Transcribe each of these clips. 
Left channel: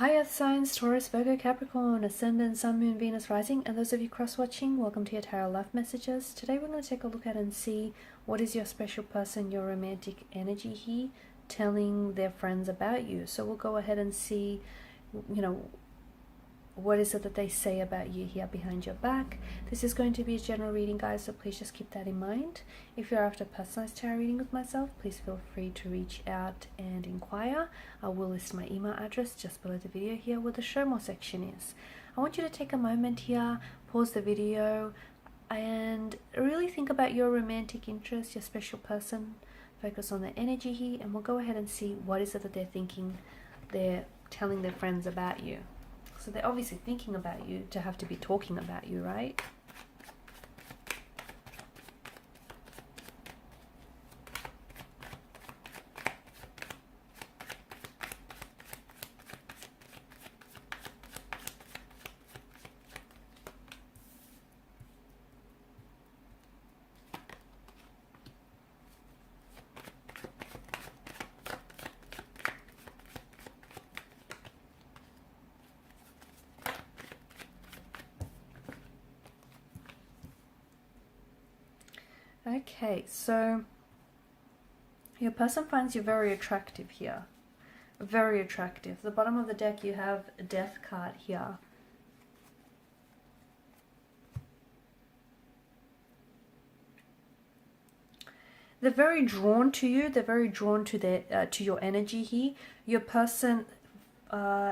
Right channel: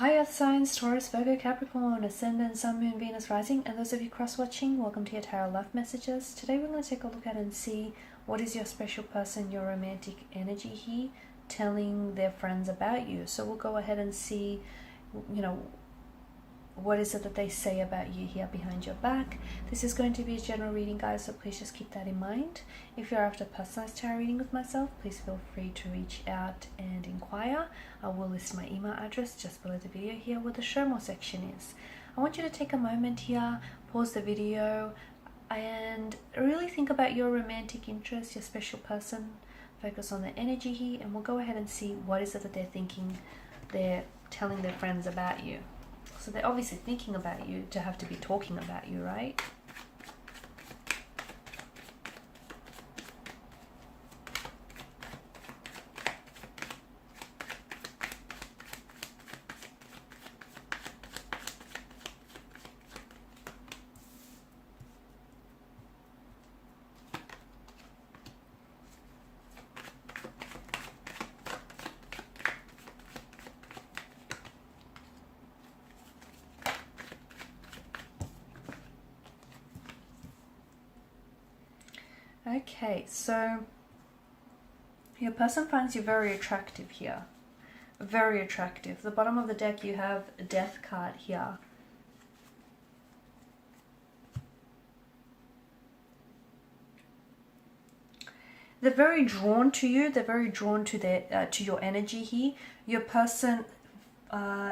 Hi Earth signs, Taurus, Virgo, Capricorn, Ascendant, Sun, Moon, Venus, Rising, and those of you cross-watching, welcome to your Tarot Life Messages. Today we're going to take a look at and see what is your special person, your romantic energy here, telling their friends about you. So we'll go ahead and see, what is it that they say about you here behind your back. This is going to be a general reading, guys, so please just keep that in mind. If you're after a personalized tarot reading with myself, please feel free to reach out and inquire. I will list my email address just below the video here where the show more section is. I want you to take a moment here, pause the video, and really think about your romantic interest, your special person. Focus on the energy here, and we'll go ahead and see what is it that they're thinking, they're telling their friends about you. So they're obviously thinking about you to have to be talking about you, right? Okay, so your person finds you very attractive here. Very attractive. The bottom of the deck, you have a death card here. They're very drawn to you. They're very drawn to to your energy here. Your person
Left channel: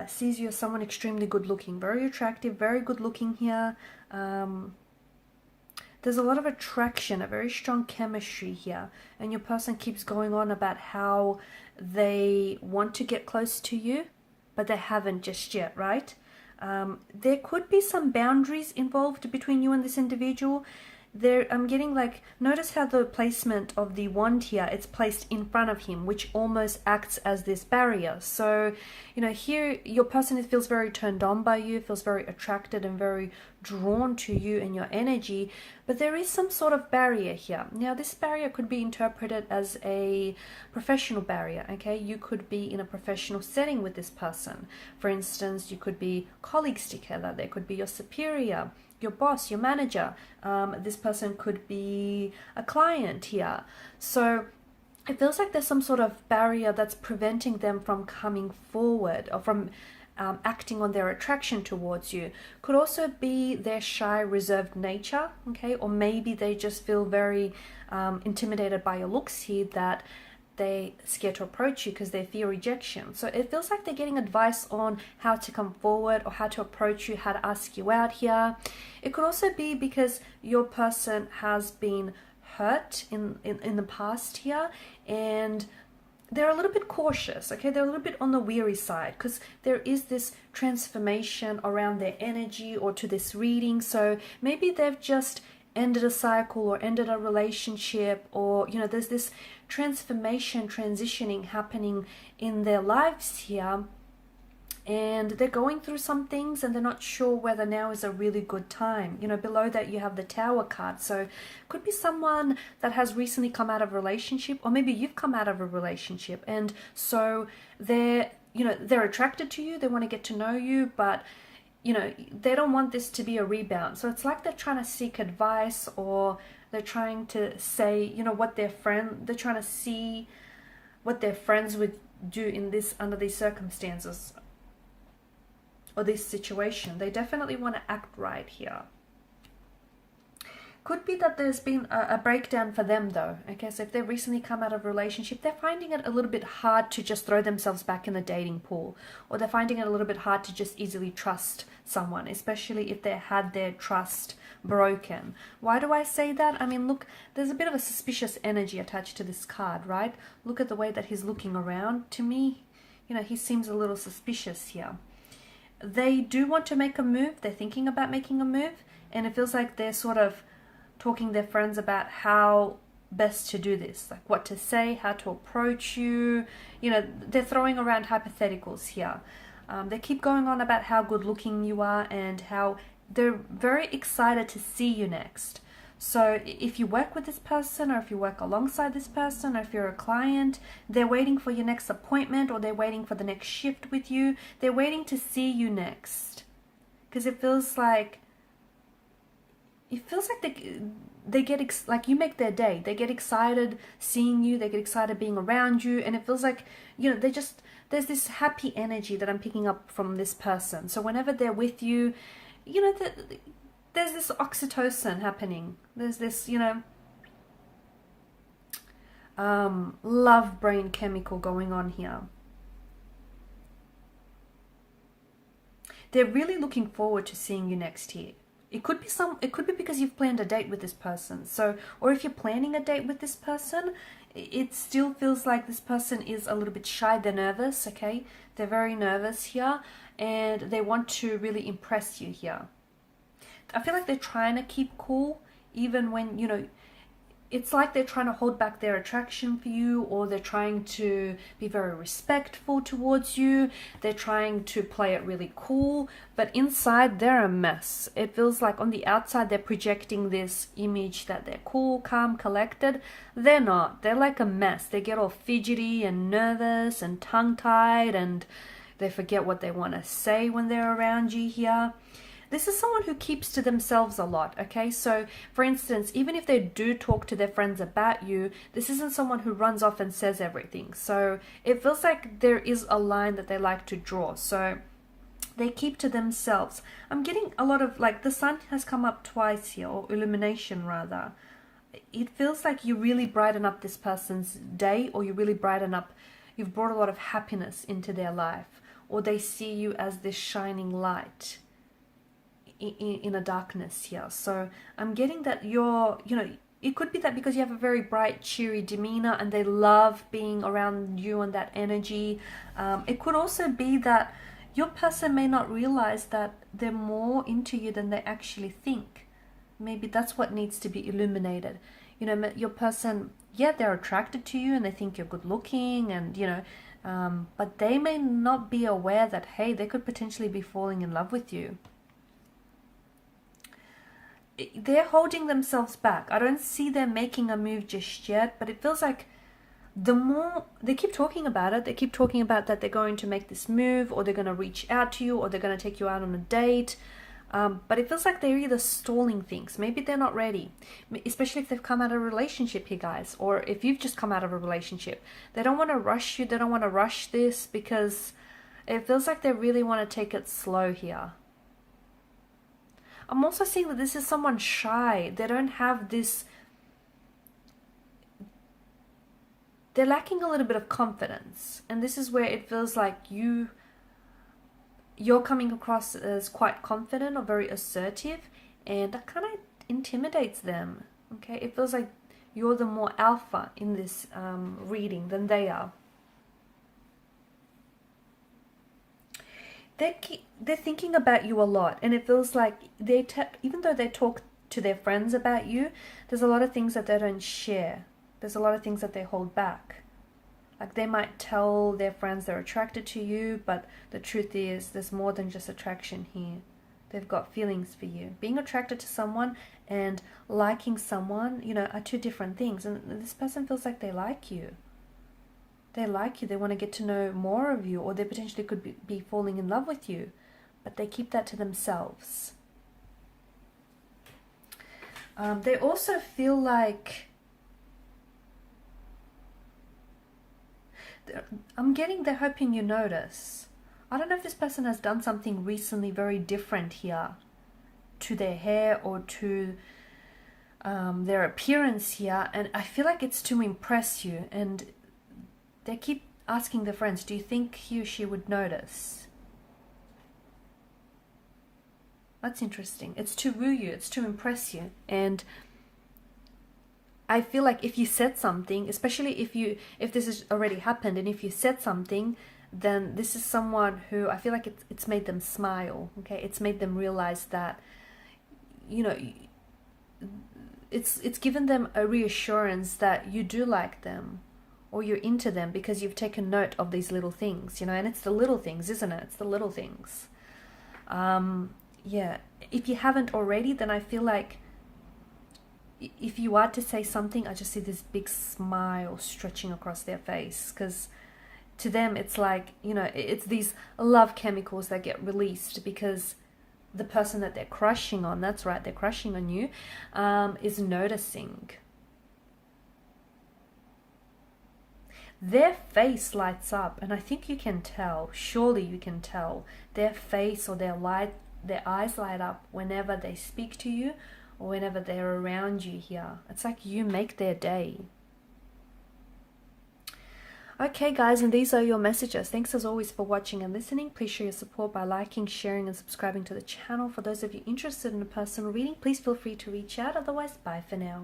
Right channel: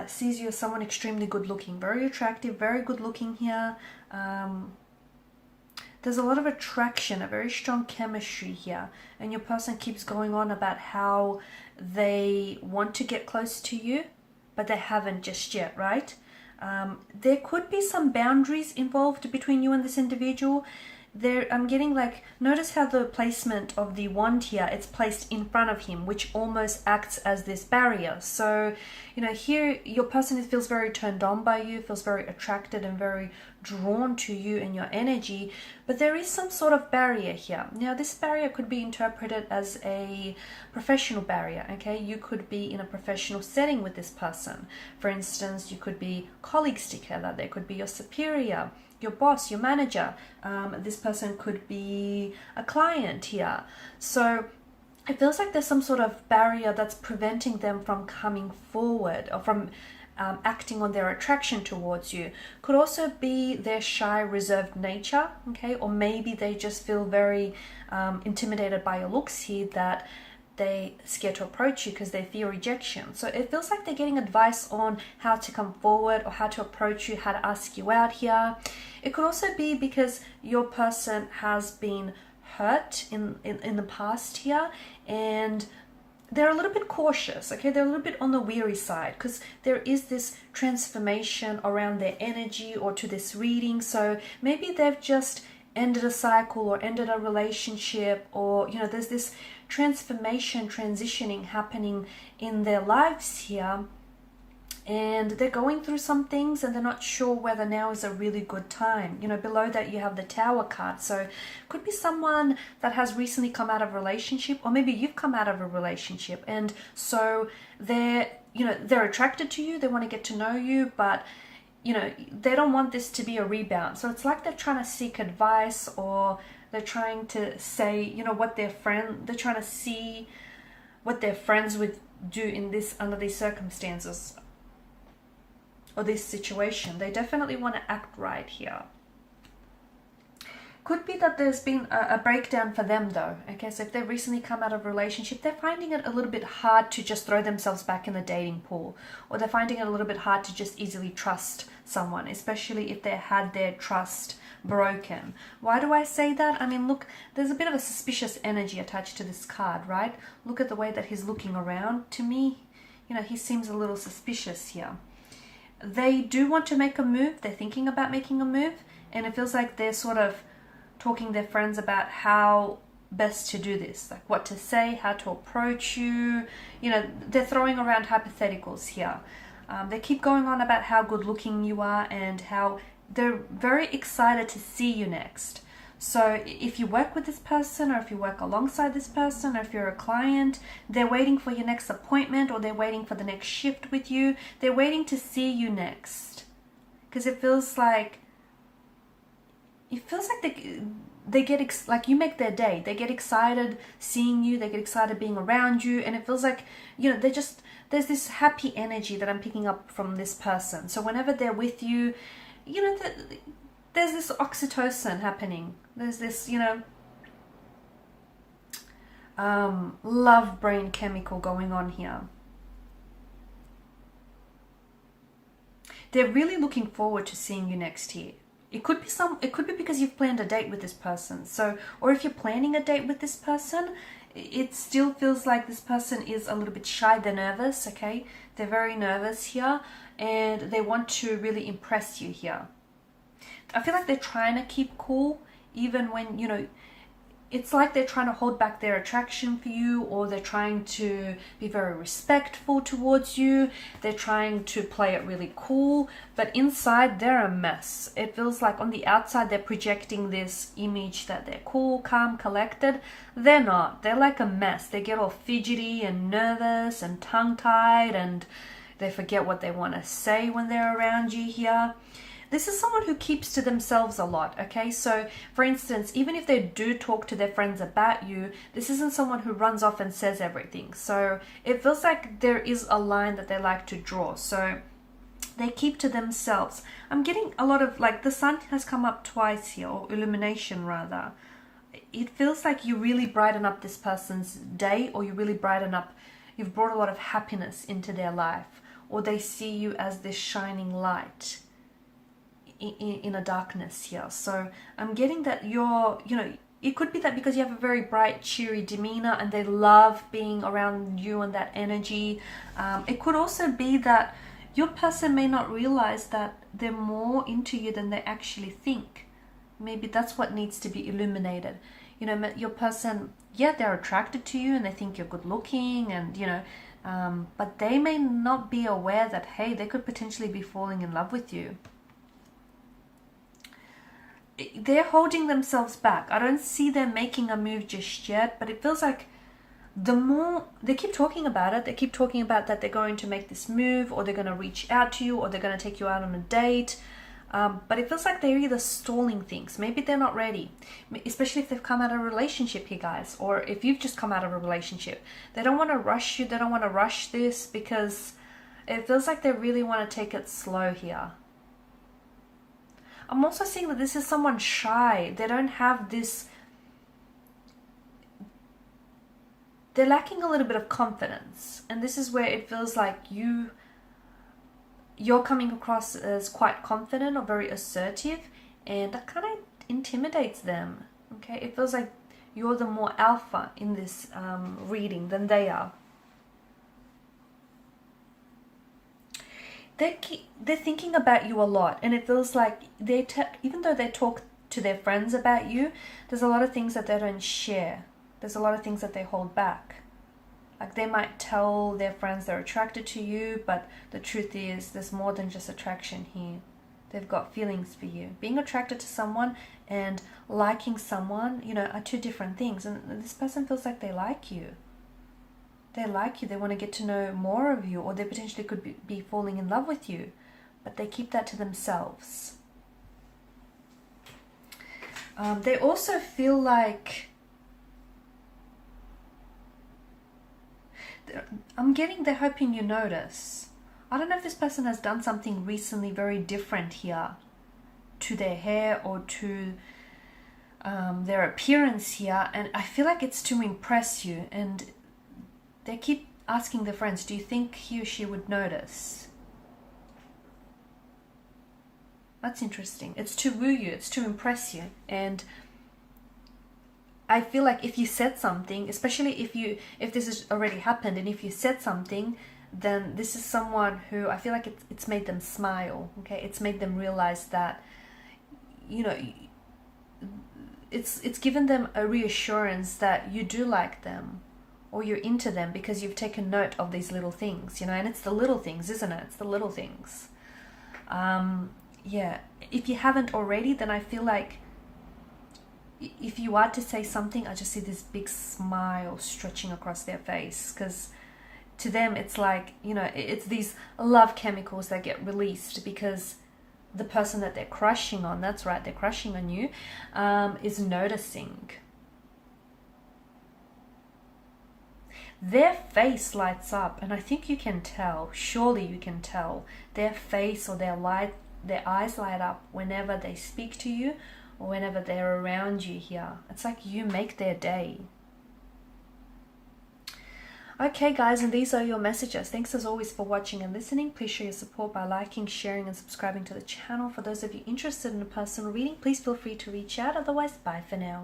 sees you as someone extremely good looking. Very attractive, very good looking here. There's a lot of attraction, a very strong chemistry here, and your person keeps going on about how they want to get close to you, but they haven't just yet, right? There could be some boundaries involved between you and this individual. I'm getting like, notice how the placement of the wand here, it's placed in front of him, which almost acts as this barrier. So, here your person feels very turned on by you, feels very attracted and very drawn to you and your energy, but there is some sort of barrier here. Now, this barrier could be interpreted as a professional barrier, okay? You could be in a professional setting with this person. For instance, you could be colleagues together. There could be your superior, your boss, your manager. This person could be a client here. So it feels like there's some sort of barrier that's preventing them from coming forward or from acting on their attraction towards you. Could also be their shy, reserved nature, okay? Or maybe they just feel very intimidated by your looks here, that they scared to approach you because they fear rejection. So it feels like they're getting advice on how to come forward or how to approach you, how to ask you out here. It could also be because your person has been hurt in the past here, and they're a little bit cautious, okay? They're a little bit on the weary side because there is this transformation around their energy or to this reading. So maybe they've just ended a cycle or ended a relationship, or, there's this transformation, transitioning happening in their lives here. And they're going through some things and they're not sure whether now is a really good time. Below that you have the Tower card. So it could be someone that has recently come out of a relationship, or maybe you've come out of a relationship. And so they're attracted to you. They want to get to know you, but, they don't want this to be a rebound. So it's like they're trying to seek advice, or they're trying to say, they're trying to see what their friends would do under these circumstances or this situation. They definitely want to act right here. Could be that there's been a breakdown for them though. Okay, so if they've recently come out of a relationship, they're finding it a little bit hard to just throw themselves back in the dating pool, or they're finding it a little bit hard to just easily trust someone, especially if they had their trust broken. Why do I say that? I mean, look, there's a bit of a suspicious energy attached to this card, right? Look at the way that he's looking around. To me, he seems a little suspicious here. They do want to make a move. They're thinking about making a move, and it feels like they're sort of talking to their friends about how best to do this, like what to say, how to approach you. They're throwing around hypotheticals here. They keep going on about how good looking you are and how they're very excited to see you next. So if you work with this person, or if you work alongside this person, or if you're a client, they're waiting for your next appointment, or they're waiting for the next shift with you. They're waiting to see you next. Because it feels like they get like you make their day. They get excited seeing you. They get excited being around you. And it feels like, you know, there's this happy energy that I'm picking up from this person. So whenever they're with you, you know, there's this oxytocin happening. There's this, you know, love brain chemical going on here. They're really looking forward to seeing you next year. It could be because you've planned a date with this person. So, or if you're planning a date with this person, it still feels like this person is a little bit shy. They're nervous, okay? They're very nervous here, and they want to really impress you here. I feel like they're trying to keep cool, even when, you know, it's like they're trying to hold back their attraction for you, or they're trying to be very respectful towards you. They're trying to play it really cool, but inside they're a mess. It feels like on the outside they're projecting this image that they're cool, calm, collected. They're not. They're like a mess. They get all fidgety and nervous and tongue-tied, and they forget what they want to say when they're around you here. This is someone who keeps to themselves a lot, okay? So, for instance, even if they do talk to their friends about you, this isn't someone who runs off and says everything. So, it feels like there is a line that they like to draw. So, they keep to themselves. I'm getting a lot of, like, the sun has come up twice here, or illumination rather. It feels like you really brighten up this person's day, or you really brighten up, you've brought a lot of happiness into their life, or they see you as this shining light in a darkness here. So I'm getting that you're, you know, it could be that because you have a very bright, cheery demeanor and they love being around you and that energy. It could also be that your person may not realize that they're more into you than they actually think. Maybe that's what needs to be illuminated. You know, your person, yeah, they're attracted to you and they think you're good looking, and, you know, but they may not be aware that, hey, they could potentially be falling in love with you. They're holding themselves back. I don't see them making a move just yet, but it feels like the more they keep talking about it, they keep talking about that they're going to make this move, or they're going to reach out to you, or they're going to take you out on a date. But it feels like they're either stalling things. Maybe they're not ready, especially if they've come out of a relationship here, guys, or if you've just come out of a relationship. They don't want to rush you. They don't want to rush this, because it feels like they really want to take it slow here. I'm also seeing that this is someone shy. They don't have this... They're lacking a little bit of confidence. And this is where it feels like you're coming across as quite confident or very assertive. And that kind of intimidates them. Okay? It feels like you're the more alpha in this reading than they are. They're thinking about you a lot, and it feels like even though they talk to their friends about you, there's a lot of things that they don't share. There's a lot of things that they hold back. Like, they might tell their friends they're attracted to you, but the truth is there's more than just attraction here. They've got feelings for you. Being attracted to someone and liking someone, you know, are two different things. And this person feels like they like you. They like you, they want to get to know more of you, or they potentially could be falling in love with you, but they keep that to themselves. They also feel like... I'm getting they're hoping you notice. I don't know if this person has done something recently very different here to their hair or to their appearance here, and I feel like it's to impress you, and they keep asking their friends, do you think he or she would notice? That's interesting. It's to woo you. It's to impress you. And I feel like if you said something, especially if this has already happened, and if you said something, then this is someone who I feel like it's made them smile. Okay, it's made them realize that, you know, it's given them a reassurance that you do like them, or you're into them, because you've taken note of these little things, you know. And it's the little things, isn't it? It's the little things. Yeah, if you haven't already, then I feel like if you are to say something, I just see this big smile stretching across their face, because to them it's like, you know, it's these love chemicals that get released because the person that they're crushing on, that's right, they're crushing on you, is noticing. Their face lights up, and I think you can tell, surely you can tell, their face or their eyes light up whenever they speak to you or whenever they're around you here. It's like you make their day. Okay guys, and these are your messages. Thanks as always for watching and listening. Please show your support by liking, sharing and subscribing to the channel. For those of you interested in a personal reading, please feel free to reach out. Otherwise, bye for now.